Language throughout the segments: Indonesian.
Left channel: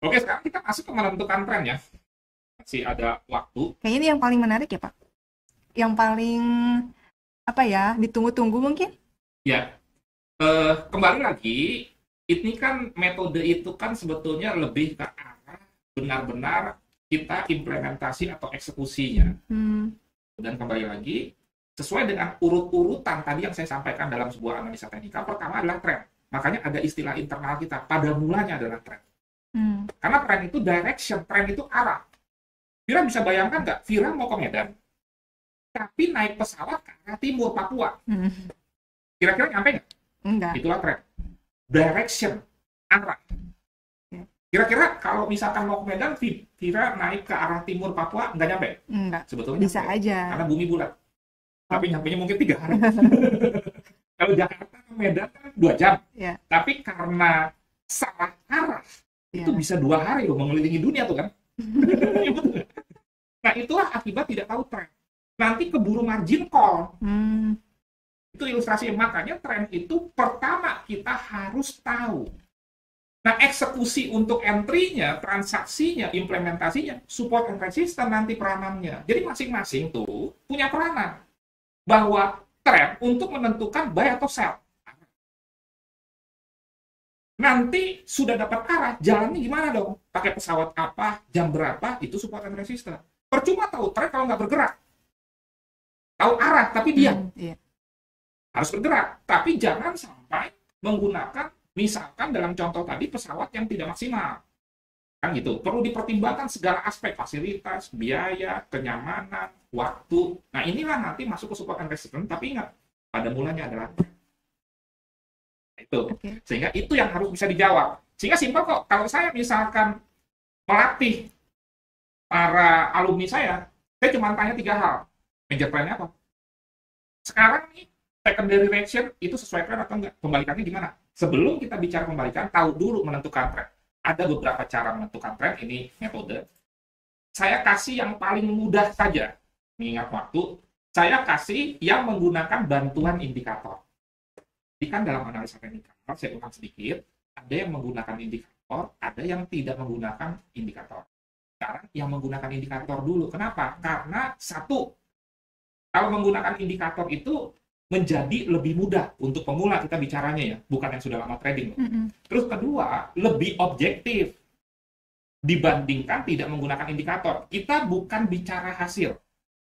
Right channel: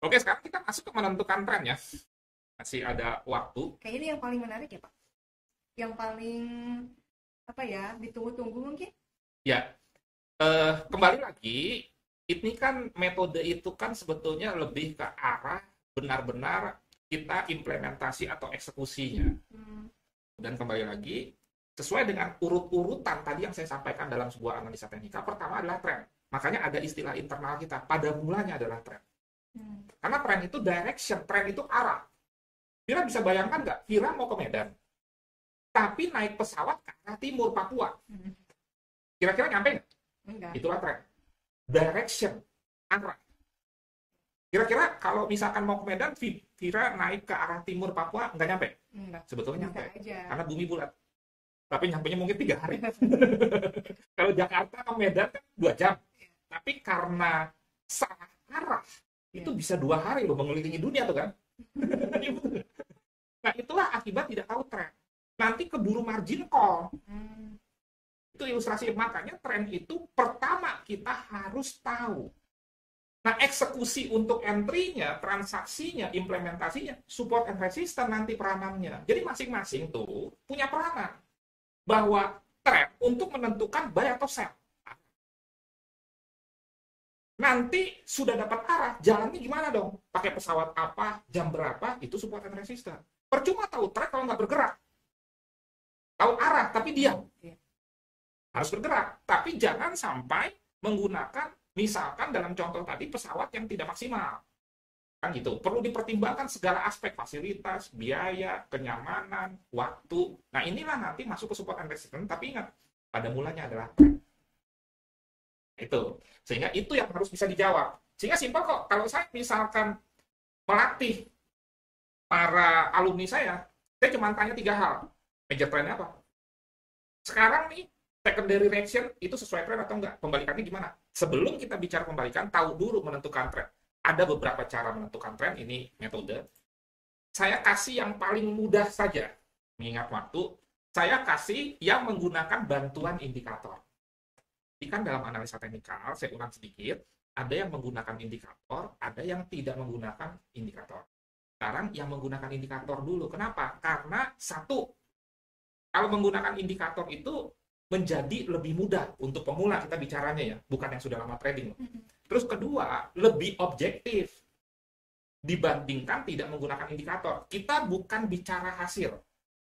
Oke, sekarang kita masuk ke menentukan tren ya. Masih ada waktu. Kayaknya ini yang paling menarik ya, Pak. Yang paling apa ya, ditunggu-tunggu mungkin? Ya, kembali lagi, ini kan metode itu kan sebetulnya lebih ke arah benar-benar kita implementasi atau eksekusinya. Hmm, Dan kembali lagi, sesuai dengan urut-urutan tadi yang saya sampaikan dalam sebuah analisa teknikal, pertama adalah tren. Makanya ada istilah internal kita, pada mulanya adalah tren. hmm, Karena tren itu direction, tren itu arah. Vira bisa bayangkan nggak, Vira mau ke Medan, tapi naik pesawat ke arah timur Papua. hmm. Kira-kira nyampe nggak? Enggak. Itulah tren. Direction, arah. Ya, Kira-kira kalau misalkan mau ke Medan, Vira naik ke arah timur Papua, nggak nyampe? enggak. Sebetulnya Bisa nyampe. aja. Karena bumi bulat. Oh, Tapi nyampenya mungkin 3 hari. Kalau Jakarta ke Medan kan 2 jam. ya, Tapi karena salah arah, itu ya. bisa 2 hari loh mengelilingi dunia tuh kan. Nah itulah akibat tidak tahu tren. Nanti keburu margin call. Hmm, Itu ilustrasi. Makanya tren itu pertama kita harus tahu. Nah, eksekusi untuk entry-nya, transaksinya, implementasinya, support and resistance nanti peranannya. Jadi masing-masing tuh punya peranan. Bahwa tren untuk menentukan buy atau sell. Nanti sudah dapat arah, jalannya gimana dong? Pakai pesawat apa, jam berapa, itu support and resistance. Percuma tahu tren kalau nggak bergerak. Tahu arah, tapi diam. iya. Harus bergerak. Tapi jangan sampai menggunakan, misalkan dalam contoh tadi, pesawat yang tidak maksimal. Kan gitu. Perlu dipertimbangkan segala aspek, fasilitas, biaya, kenyamanan, waktu. Nah inilah nanti masuk ke support and resistance, tapi ingat, pada mulanya adalah tren. Itu. Oke. Sehingga itu yang harus bisa dijawab. Sehingga simpel kok. Kalau saya misalkan melatih para alumni saya cuma tanya 3 hal. Major trendnya apa? Sekarang nih, secondary reaction itu sesuai tren atau enggak? Pembalikannya gimana? Sebelum kita bicara pembalikan, tahu dulu menentukan tren. Ada beberapa cara menentukan tren, ini metode. Saya kasih yang paling mudah saja. Mengingat waktu, saya kasih yang menggunakan bantuan indikator. Jadi kan dalam analisa teknikal, saya ulang sedikit, ada yang menggunakan indikator, ada yang tidak menggunakan indikator. Sekarang yang menggunakan indikator dulu. Kenapa? Karena satu, kalau menggunakan indikator itu menjadi lebih mudah untuk pemula kita bicaranya ya, bukan yang sudah lama trading. Mm-mm. Terus kedua, lebih objektif dibandingkan tidak menggunakan indikator. Kita bukan bicara hasil.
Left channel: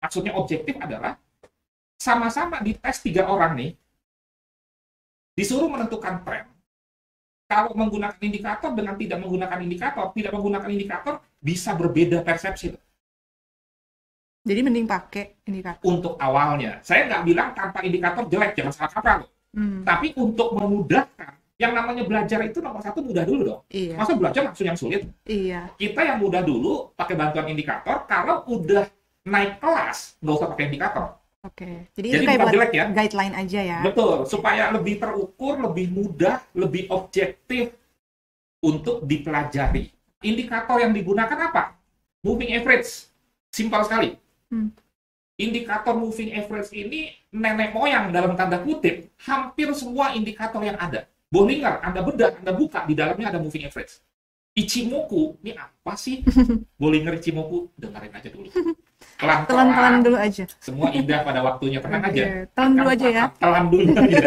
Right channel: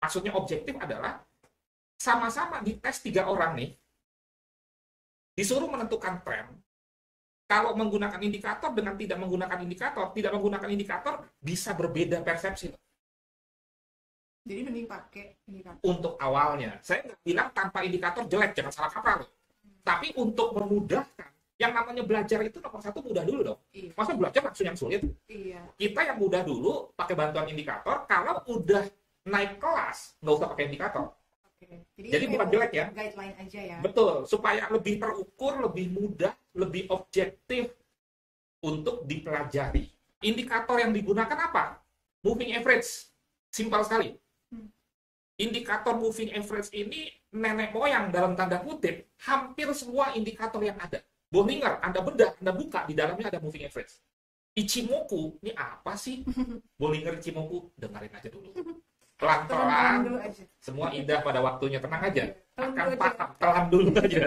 Maksudnya objektif adalah sama-sama dites 3 orang nih, disuruh menentukan tren. Kalau menggunakan indikator dengan tidak menggunakan indikator bisa berbeda persepsi. Jadi mending pakai indikator. Untuk awalnya, saya nggak bilang tanpa indikator jelek, jangan salah kaprah loh. Hmm, Tapi untuk memudahkan, yang namanya belajar itu nomor satu mudah dulu dong. iya, Masa belajar langsung yang sulit? iya. Kita yang mudah dulu pakai bantuan indikator, kalau udah naik kelas, nggak usah pakai indikator. Oke. Jadi itu Jadi kayak bukan buat jelek ya. guideline aja ya. Betul, supaya lebih terukur, lebih mudah, lebih objektif untuk dipelajari. Indikator yang digunakan apa? Moving average. Simpel sekali. Hmm. Indikator moving average ini nenek moyang dalam tanda kutip hampir semua indikator yang ada. Bollinger, Anda bedah, Anda buka, di dalamnya ada moving average. Ichimoku, ini apa sih? Bollinger Ichimoku, dengerin aja dulu. Telan-telan Pelan-pelan, dulu aja. semua indah pada waktunya, tenang Oke, aja. telan dulu Akan aja ya. paham, telan dulu aja.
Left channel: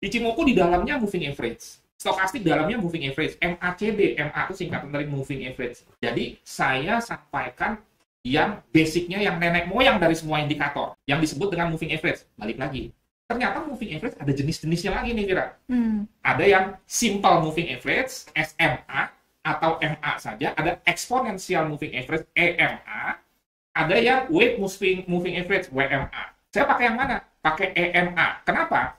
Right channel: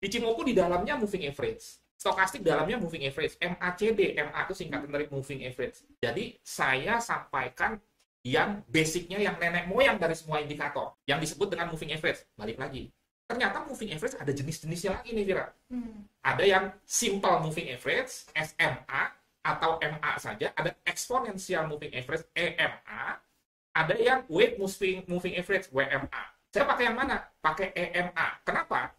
Ichimoku di dalamnya moving average. Stokastik dalamnya moving average. MACD, MA itu singkatan dari moving average. Jadi saya sampaikan yang basicnya, yang nenek moyang dari semua indikator, yang disebut dengan moving average. Balik lagi. Ternyata moving average ada jenis-jenisnya lagi nih, Vira. Hmm. Ada yang simple moving average, SMA, atau MA saja. Ada exponential moving average, EMA. Ada yang weight moving average, WMA. Saya pakai yang mana? Pakai EMA. Kenapa?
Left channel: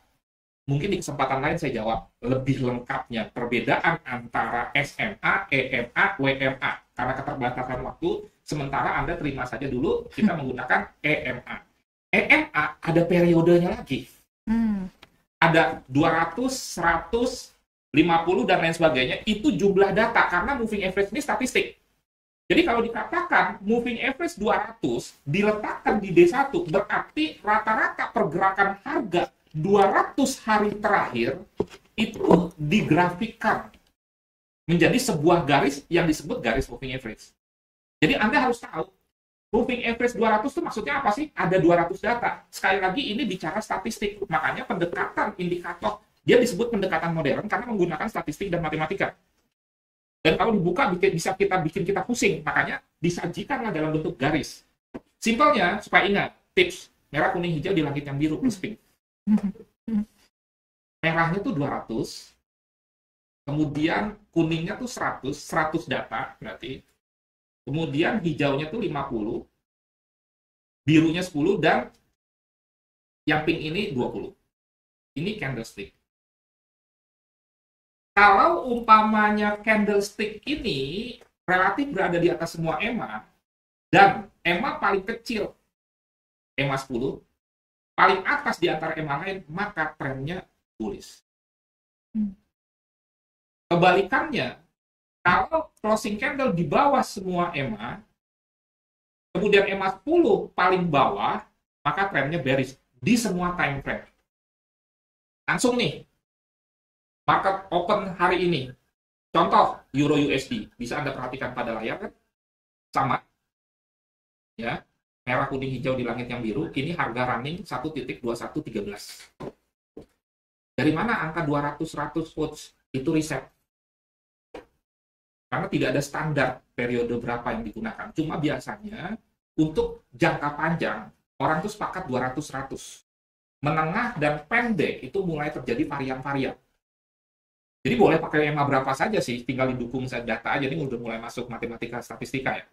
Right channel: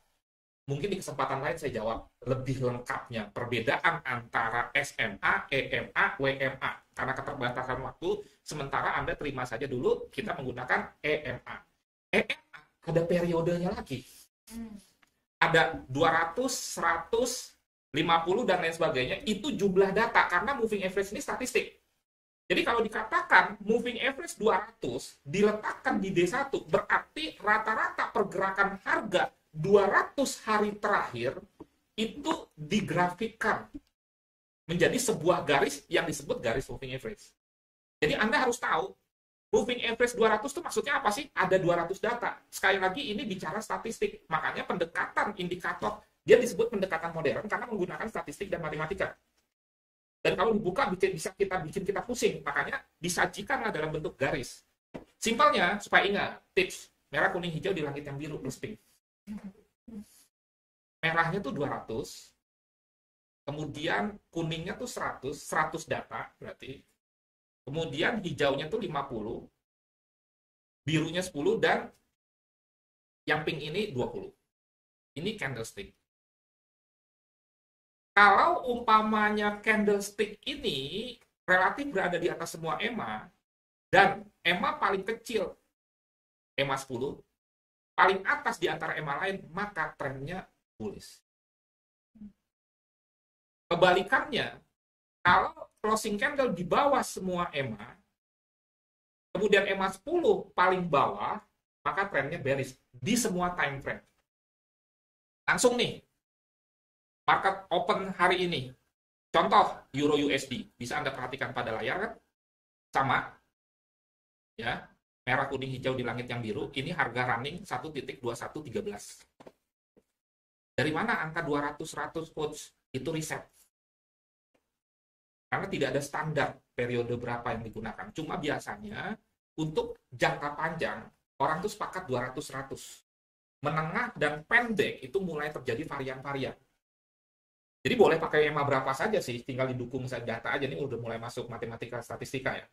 Mungkin di kesempatan lain saya jawab lebih lengkapnya perbedaan antara SMA, EMA, WMA. Karena keterbatasan waktu, sementara Anda terima saja dulu kita menggunakan EMA. EMA ada periodenya lagi. Hmm. Ada 200, 100, 50, dan lain sebagainya. Itu jumlah data, karena moving average ini statistik. Jadi kalau dikatakan moving average 200 diletakkan di D1, berarti rata-rata pergerakan harga 200 hari terakhir itu digrafikkan. menjadi sebuah garis yang disebut garis moving average. Jadi Anda harus tahu, moving average 200 itu maksudnya apa sih? Ada 200 data. Sekali lagi ini bicara statistik. Makanya pendekatan indikator, dia disebut pendekatan modern karena menggunakan statistik dan matematika. Dan kalau dibuka bisa bikin kita pusing. Makanya disajikanlah dalam bentuk garis. Simpelnya, supaya ingat, tips. Merah, kuning, hijau di langit yang biru, plus pink. Merahnya tuh 200, kemudian kuningnya tuh 100 data berarti. Kemudian hijaunya tuh 50, birunya 10, dan yang pink ini 20. Ini candlestick. Kalau umpamanya candlestick ini relatif berada di atas semua EMA, dan EMA paling kecil, EMA 10, paling atas di antara EMA lain, maka trennya bullish. Kebalikannya, kalau closing candle di bawah semua EMA, kemudian EMA 10 paling bawah, maka trennya bearish di semua time frame. Langsung nih, market open hari ini. Contoh, Euro USD. Bisa Anda perhatikan pada layar kan? Sama. Ya, merah, kuning, hijau di langit yang biru. Ini harga running 1.2113. Dari mana angka 200-100 quotes? Itu riset. Karena tidak ada standar periode berapa yang digunakan. Cuma biasanya untuk jangka panjang, orang tuh sepakat 200-100. Menengah dan pendek itu mulai terjadi varian-varian. Jadi boleh pakai EMA berapa saja sih, tinggal didukung data aja. Ini udah mulai masuk matematika statistika ya.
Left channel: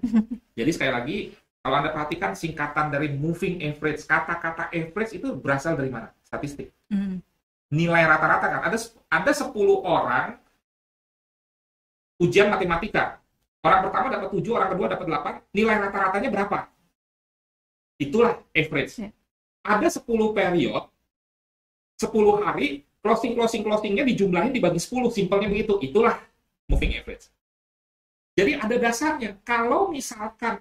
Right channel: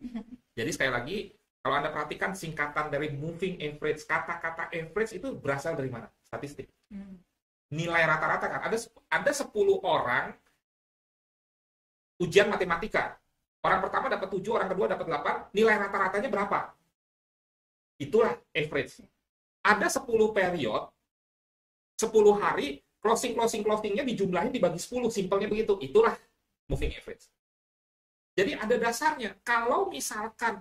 Jadi sekali lagi, kalau Anda perhatikan singkatan dari moving average, kata-kata average itu berasal dari mana? Statistik. Nilai rata-rata kan, ada 10 orang ujian matematika. Orang pertama dapat 7, orang kedua dapat 8, nilai rata-ratanya berapa? Itulah average. Ada 10 period, 10 hari, closingnya dijumlahin dibagi 10, simpelnya begitu. Itulah moving average. Jadi ada dasarnya. Kalau misalkan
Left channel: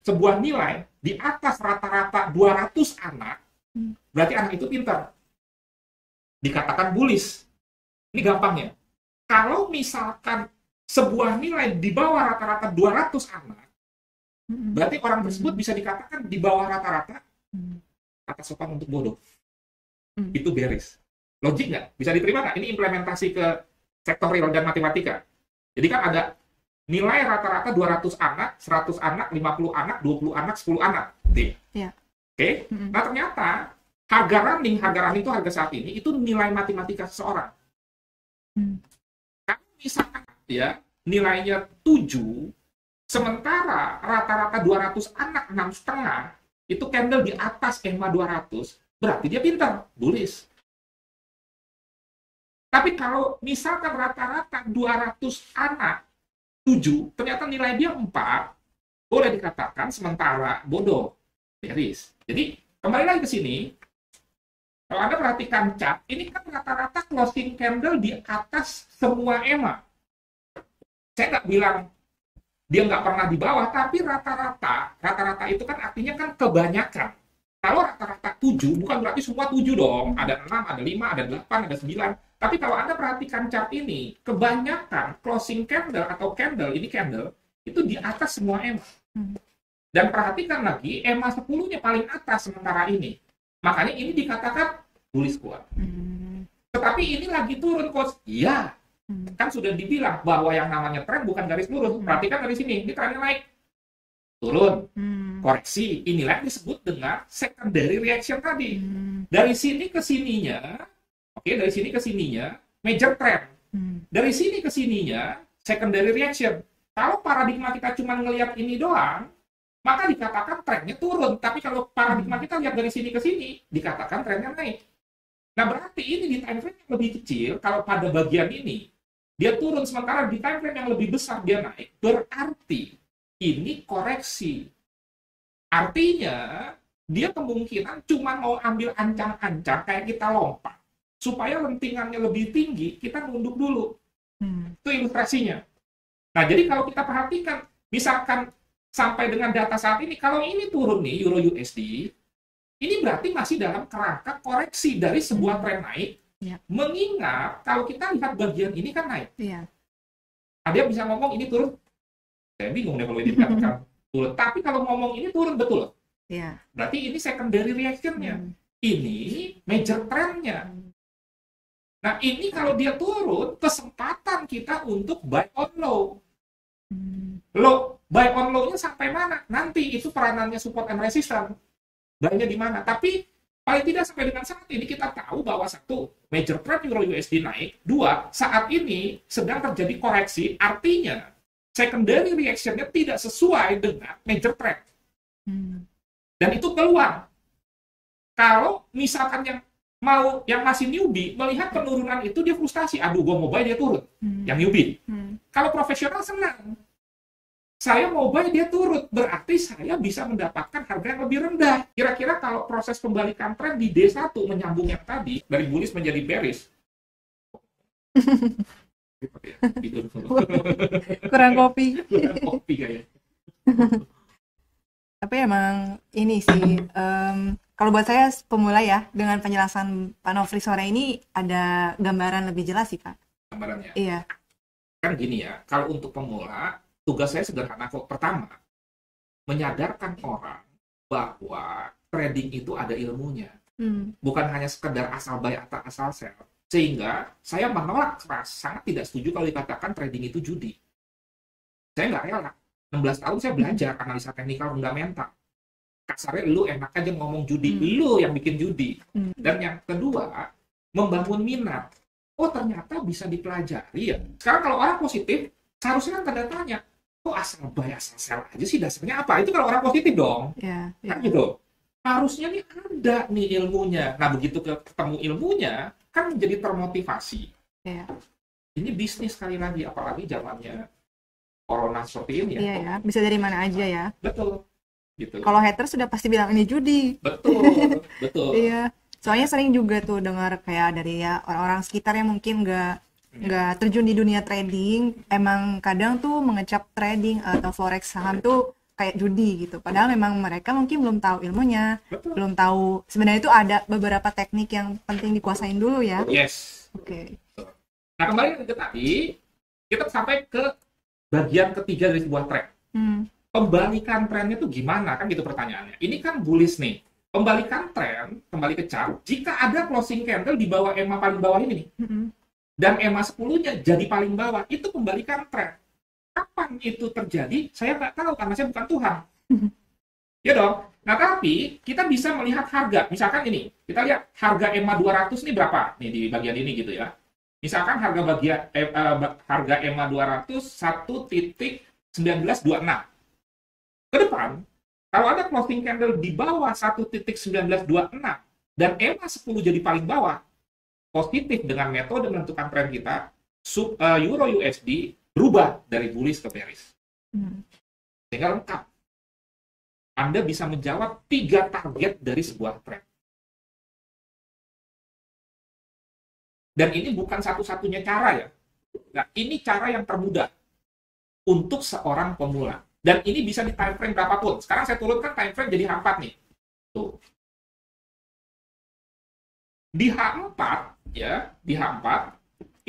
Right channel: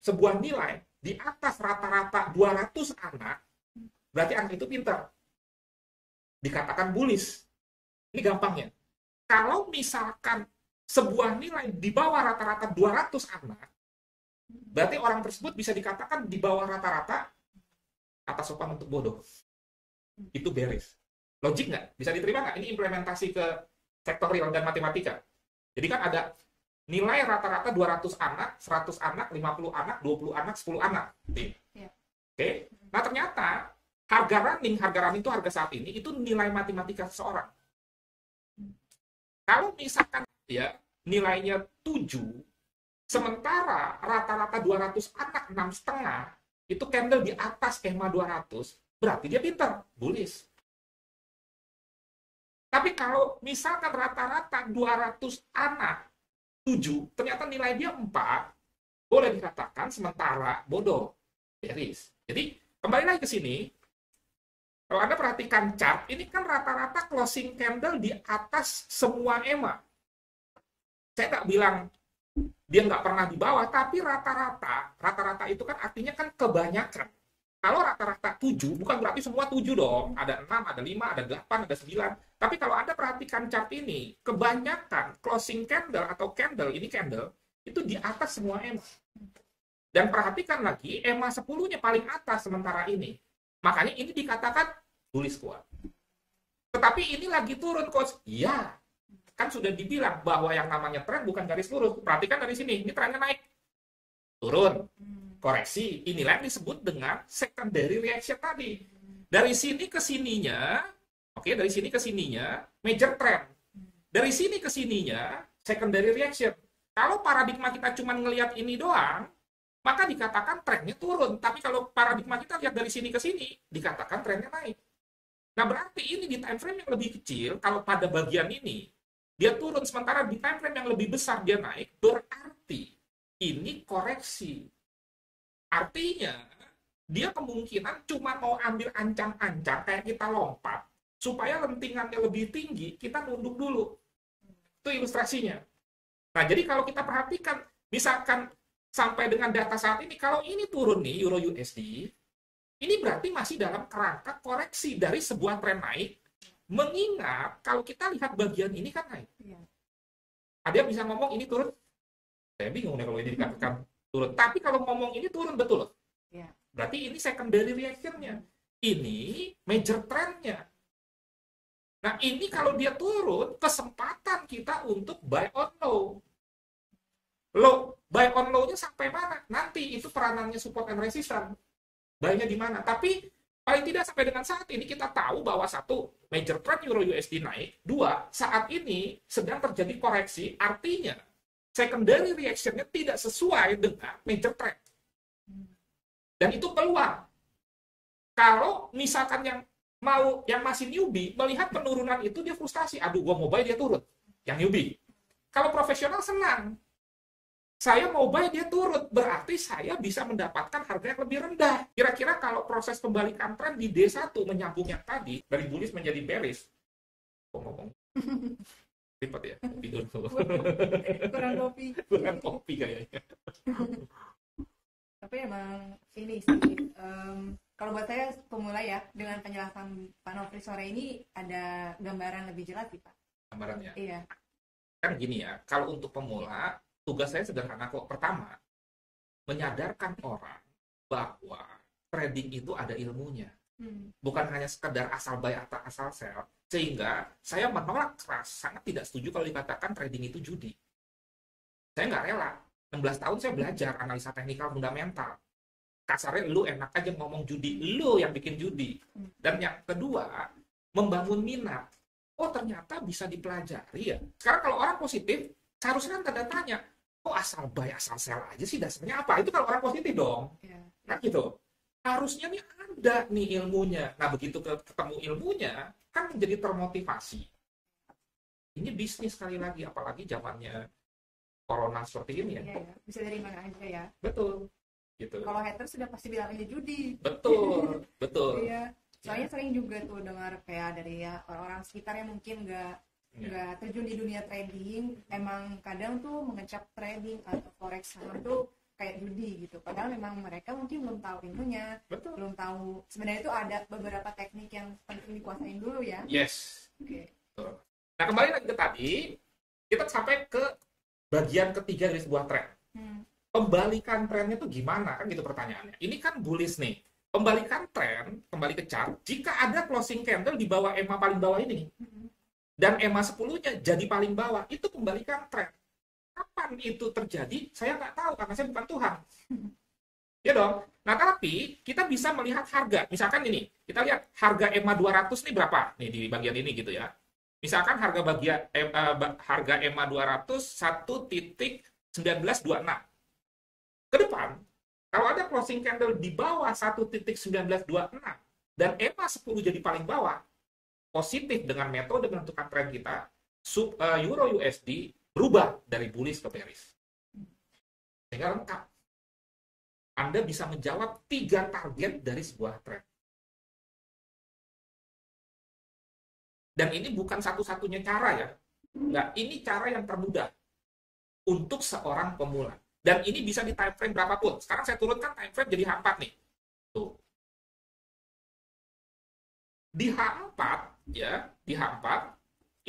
sebuah nilai di atas rata-rata 200 anak, berarti anak itu pintar. Dikatakan bullish. Ini gampangnya. Kalau misalkan sebuah nilai di bawah rata-rata 200 anak, berarti orang tersebut bisa dikatakan di bawah rata-rata kata sopan untuk bodoh. Itu bearish. Logik nggak? Bisa diterima nggak? Ini implementasi ke sektor real dan matematika. Jadi kan ada nilai rata-rata 200 anak, 100 anak, 50 anak, 20 anak, 10 anak. Yeah. Oke? Nah ternyata harga running itu harga saat ini, itu nilai matematika seseorang. Kalau misalkan ya nilainya 7, sementara rata-rata 200 anak 6,5, itu candle di atas EMA 200, berarti dia pintar, bullish. Tapi kalau misalkan rata-rata 200 anak 7, ternyata nilai dia 4, boleh dikatakan sementara bodoh, bearish. Jadi kembali lagi ke sini, kalau Anda perhatikan chart, ini kan rata-rata closing candle di atas semua EMA. Saya nggak bilang dia nggak pernah di bawah, tapi rata-rata itu kan artinya kan kebanyakan. Kalau rata-rata 7, bukan berarti semua 7 dong. Ada 6, ada 5, ada 8, ada 9. Tapi kalau Anda perhatikan chart ini, kebanyakan closing candle atau candle, ini candle, itu di atas semua EMA. Dan perhatikan lagi, EMA 10-nya paling atas sementara ini. Makanya ini dikatakan bullish kuat. Tetapi ini lagi turun, Coach. Iya. Kan sudah dibilang bahwa yang namanya tren bukan garis lurus. Perhatikan dari sini, ini trennya naik. Turun. Koreksi. Inilah yang disebut dengan secondary reaction tadi. Dari sini ke sininya, dari sini ke sininya, major trend. Dari sini ke sininya, secondary reaction. Kalau paradigma kita cuma ngelihat ini doang, maka dikatakan trennya turun. Tapi kalau paradigma kita lihat dari sini ke sini, dikatakan trennya naik. Nah, berarti ini di time frame yang lebih kecil, kalau pada bagian ini, dia turun, sementara di time frame yang lebih besar dia naik, berarti ini koreksi. Artinya, dia kemungkinan cuma mau ambil ancang-ancang, kayak kita lompat, supaya lentingannya lebih tinggi, kita nunduk dulu. Itu ilustrasinya. Nah, jadi kalau kita perhatikan, misalkan sampai dengan data saat ini, kalau ini turun nih, Euro USD, ini berarti masih dalam kerangka koreksi dari sebuah tren naik, mengingat kalau kita lihat bagian ini kan naik. Dia bisa ngomong ini turun. Saya bingung nih kalau ini dikatakan turun. Tapi kalau ngomong ini turun betul. Iya. Berarti ini secondary reaction-nya. Ini major trend-nya. Nah, ini kalau dia turun, kesempatan kita untuk buy on low. Buy on low-nya sampai mana? Nanti itu peranannya support and resistance. Buy-nya di mana? Tapi paling tidak sampai dengan saat ini kita tahu bahwa satu, major trend Euro USD naik. Dua, saat ini sedang terjadi koreksi. Artinya, secondary reaction-nya tidak sesuai dengan major trend. Dan itu peluang. Kalau misalkan yang masih newbie melihat penurunan itu dia frustasi, aduh gue mau buy dia turun. Yang newbie. Kalau profesional senang. Saya mau buy dia turun, berarti saya bisa mendapatkan harga yang lebih rendah. Kira-kira kalau proses pembalikan tren di D1 menyambung yang tadi dari bullish menjadi bearish. Ngomong. Ribet ya. Kurang kopi. Kurang kopi kayaknya. Tapi emang ini sih, kalau buat saya pemula ya, dengan penjelasan Pak Nofri sore ini ada gambaran lebih jelas sih Pak. Gambarannya? Iya. Kan gini ya, kalau untuk pemula, tugas saya sederhana kok. Pertama, menyadarkan orang bahwa trading itu ada ilmunya. Bukan hanya sekedar asal buy atau asal sell. Sehingga saya menolak keras, sangat tidak setuju kalau dikatakan trading itu judi. Saya nggak rela. 16 tahun saya belajar analisa teknikal fundamental. Kasarnya lu enak aja ngomong judi, lu yang bikin judi. Dan yang kedua, membangun minat. Oh ternyata bisa dipelajari ya. Sekarang kalau orang positif, seharusnya kan tanda tanya, kok asal buy asal sell aja sih dasarnya apa? Itu kalau orang positif dong. Kan gitu. Harusnya nih ada nih ilmunya. Nah begitu ketemu ilmunya, kan menjadi termotivasi. Ini bisnis sekali lagi, apalagi zamannya corona seperti ini ya. Iya ya, bisa dari mana aja ya. Betul. Gitu. Kalau hater sudah pasti bilang ini judi. Betul, betul. Iya. Soalnya sering juga tuh dengar kayak dari ya orang-orang sekitar yang mungkin nggak terjun di dunia trading, emang kadang tuh mengecap trading atau forex saham tuh kayak judi gitu. Padahal memang mereka mungkin belum tahu ilmunya, belum tahu sebenarnya itu ada beberapa teknik yang penting dikuasain dulu ya. Yes. Oke. Nah kembali lagi ke tadi, kita sampai ke bagian ketiga dari sebuah trend. Pembalikan trennya itu gimana? Kan gitu pertanyaannya. Ini kan bullish nih. Pembalikan tren, kembali ke chart, jika ada closing candle di bawah EMA paling bawah ini nih, dan EMA 10-nya jadi paling bawah, itu pembalikan tren. Kapan itu terjadi? Saya nggak tahu, karena saya bukan Tuhan. Ya dong? Nah, tapi kita bisa melihat harga. Misalkan ini, kita lihat harga EMA 200 ini berapa? Nih di bagian ini gitu ya. Misalkan harga EMA 200 1.1926. Ke depan, kalau ada closing candle di bawah 1.1926 dan EMA 10 jadi paling bawah, positif dengan metode menentukan tren kita, Euro USD berubah dari bullish ke bearish. Sehingga lengkap. Anda bisa menjawab 3 target dari sebuah tren. Dan ini bukan satu-satunya cara ya. Nah, ini cara yang termudah untuk seorang pemula. Dan ini bisa di time frame berapapun. Sekarang saya turunkan time frame jadi H4 nih. Tuh. Di H4, ya, di H4,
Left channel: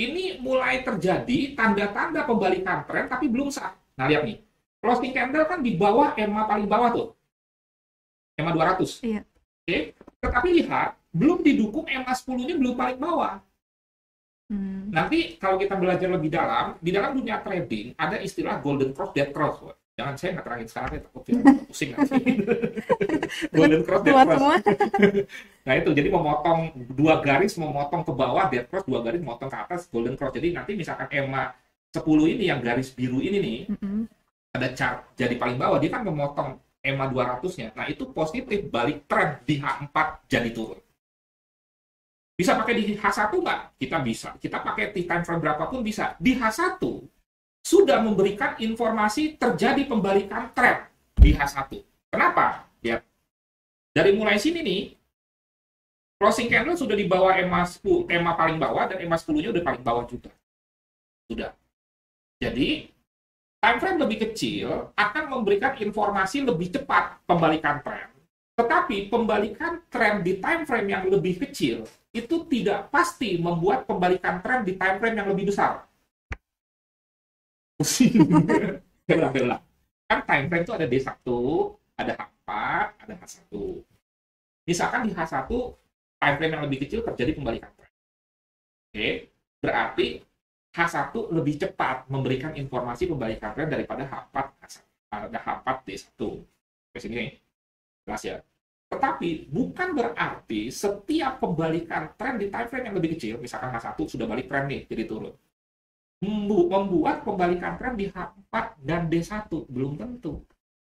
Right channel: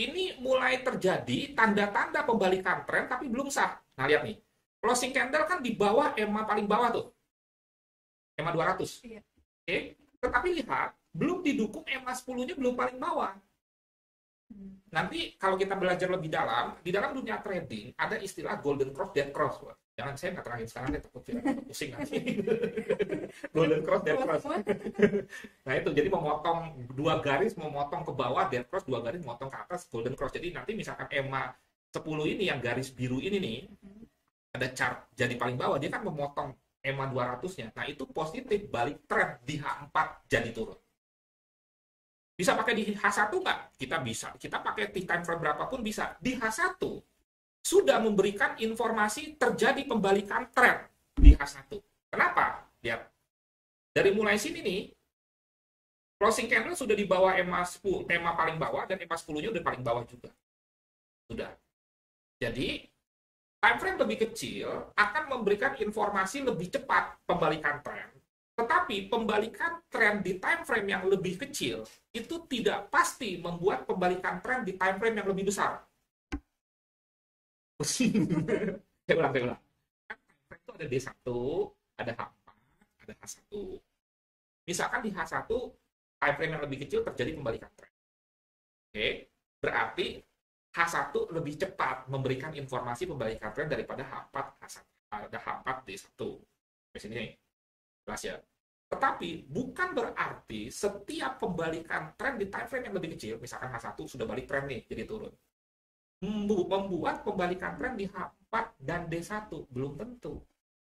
ini mulai terjadi tanda-tanda pembalikan tren, tapi belum sah. Nah, lihat nih. Closing candle kan di bawah EMA paling bawah tuh. EMA 200. Iya. Oke. Tetapi lihat, belum didukung EMA 10-nya belum paling bawah. Nanti kalau kita belajar lebih dalam, di dalam dunia trading ada istilah golden cross, dead cross. Jangan saya nggak terangin sekarang ya, takut pusing nanti. Golden cross, dead cross. Nah itu, jadi memotong 2 garis, memotong ke bawah, dead cross, 2 garis, memotong ke atas, golden cross. Jadi nanti misalkan EMA 10 ini, yang garis biru ini nih, ada chart jadi paling bawah, dia kan memotong EMA 200-nya. Nah itu positif, balik tren di H4 jadi turun. Bisa pakai di H1 nggak? Kita bisa. Kita pakai di time frame berapapun bisa. Di H1 sudah memberikan informasi terjadi pembalikan tren di H1. Kenapa? Lihat. Dari mulai sini nih, closing candle sudah di bawah EMA 10, EMA paling bawah, dan EMA 10-nya udah paling bawah juga. Sudah. Jadi, time frame lebih kecil akan memberikan informasi lebih cepat pembalikan tren. Tetapi pembalikan tren di time frame yang lebih kecil itu tidak pasti membuat pembalikan tren di time frame yang lebih besar. Saya ulang. Kan time frame itu ada D1, ada H4, ada H1. Misalkan di H1, time frame yang lebih kecil terjadi pembalikan tren. Oke, berarti H1 lebih cepat memberikan informasi pembalikan tren daripada H4, ada H4 D1. Di sini jelas ya. Tetapi bukan berarti setiap pembalikan tren di time frame yang lebih kecil, misalkan H1 sudah balik tren nih, jadi turun, membuat pembalikan tren di H4 dan D1 belum tentu.